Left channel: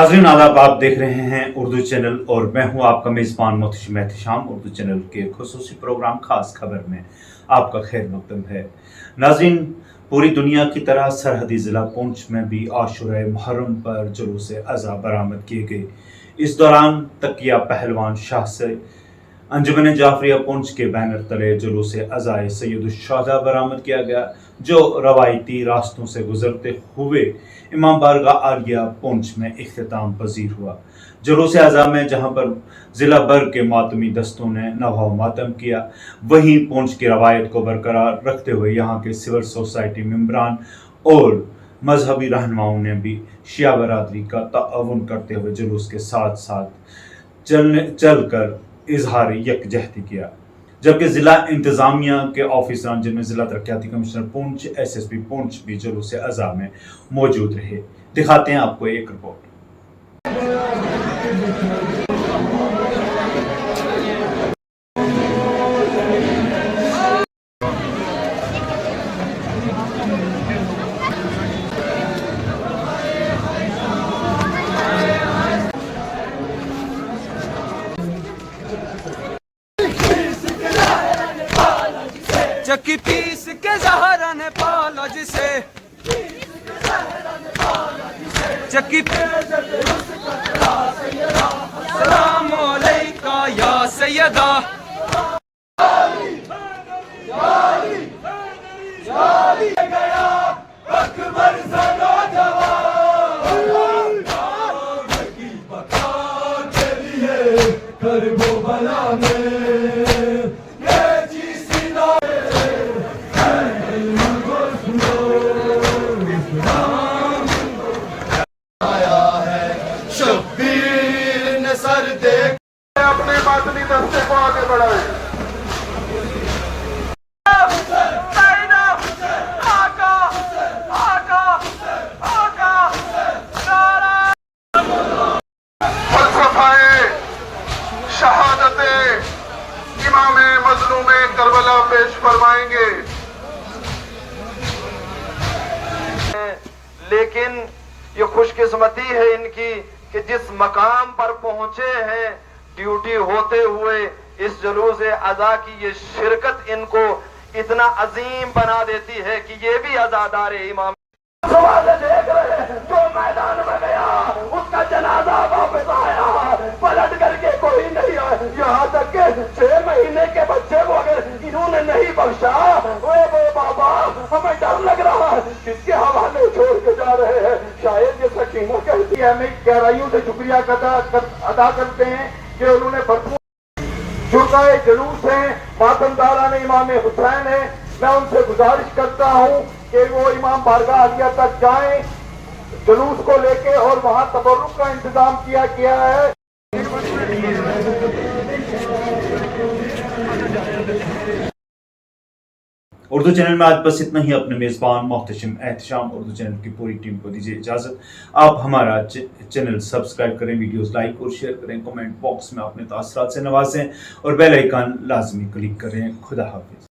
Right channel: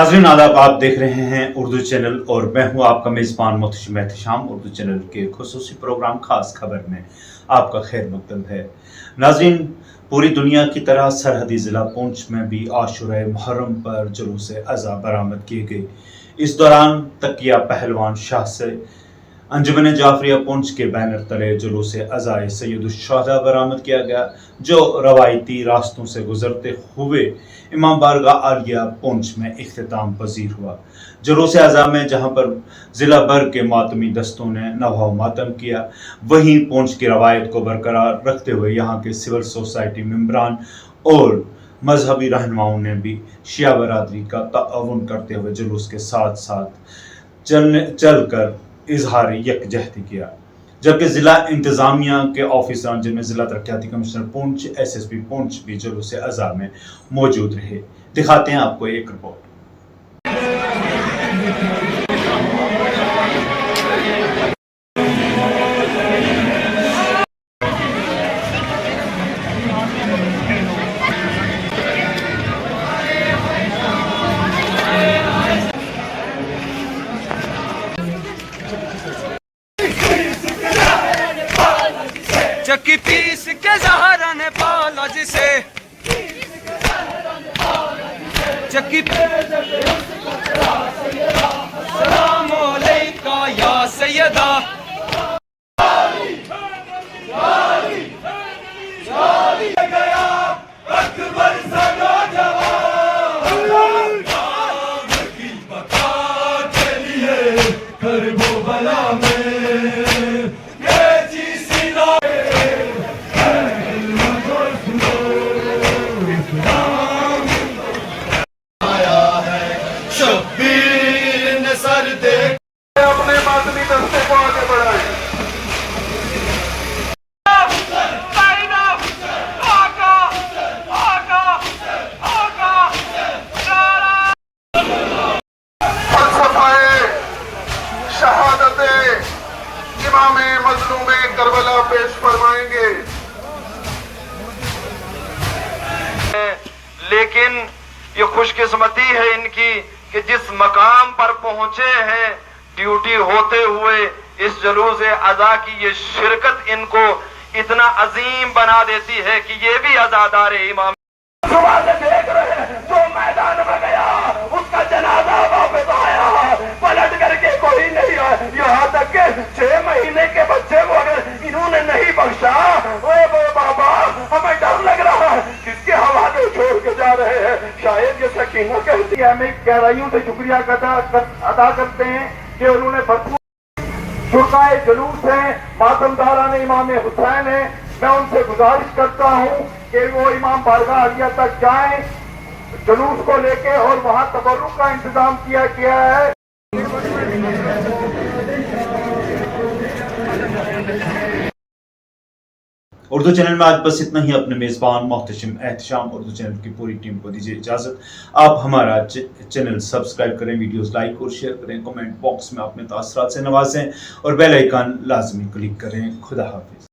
नाज़रीन आदाब, आप देख रहे हैं उर्दू चैनल और मैं हूं आपका मेज़बान मोहतशिम एहतशाम। उर्दू चैनल के खुसूसी प्रोग्राम खास खबर में आपका खैर मकदम है। नाज़रीन, पूरी दुनिया की तरह सरहदी ज़िला पुंछ में भी आशूरा मुहर्रम पर जुलूस अज़ा बरामद किए गए। इस दौरान तकिया पहलवान शाह से अंजुमन जाफरिया पुंछ के बैनर तले जुलूस अज़ाए सैयदुश्शुहदा बरामद किया गया, जो रवायती रास्तों से गुजरते हुए इमाम बारगाह आलिया पुंछ में इख्तिताम पजीर हुआ। जुलूस अज़ा में जहाँ पर ज़िला भर के मातमी दस्तों ने नवाह मातम किया, वहीं पुंछ की रवायत को बरकरार रखते हुए यहाँ के सिविल सोसाइटी मेंबरान और मजहबी रहनुमाओं ने भी शिया बरादरी का ताअवुन करते हुए जुलूस के साथ साथ चलकर इजहार यकजहती किया। जबकि ज़िला इंतज़ामिया के ऑफिसरान, जिनमें ज़िला तरक्याती कमिश्नर पुंछ, SSP पुंछ भी जुलूस अज़ा में मौजूद रहे। दिखाते हैं आपको एक रिपोर्ट। चक्की पीस के ज़हरा ने पाला जिसे, चक्की सलाम अलैका या सैयदा। अपने मातमी दस्तों को आगे बढ़ाए। शहादते इमाम मज़लूम करबला पेश फरमाएंगे। लेकिन ये खुशकिस्मती है इनकी कि जिस मकाम पर पहुंचे हैं, ड्यूटी होते हुए इस जुलूस अज़ा की ये शिरकत इनको इतना अजीम बना देती है कि ये भी अज़ादार इमाम देख रहे हैं। जो मैदान में गया उसका जनाजा वापस आया, पलट करके कोई नहीं है। यहाँ तक के 6 महीने के बच्चे को अगर इन्होंने नहीं बख्शा, ओए बाबा हमें डर लग रहा है, किसके हवाले छोड़ के जा रहे हैं। शायद ये सकीना कहती है, हमें गहराइयों से शुक्रिया अदा करते हैं कि उन्होंने भरपूर जुर्गाए जुलूस हैं, मातमदारान इमाम हुसैन है। मैं उनसे गुजारिश करता हूँ कि वो इमाम बारगाह आलिया तक जाएं जुलूस को लेके, और वहाँ तबर्रुक का इंतजाम किया गया है। उर्दू चैनल में आज बस इतना ही। अपने मेज़बान मोहतशिम एहतशाम उर्दू चैनल की पूरी टीम को दीजिए इजाज़त। आप हमारा चैनल सब्सक्राइब करें, वीडियोस लाइक और शेयर करें, कमेंट बॉक्स में अपने तासरात से नवाजें और बेल आइकन लाजमी क्लिक करें। खुदा हाफिज़।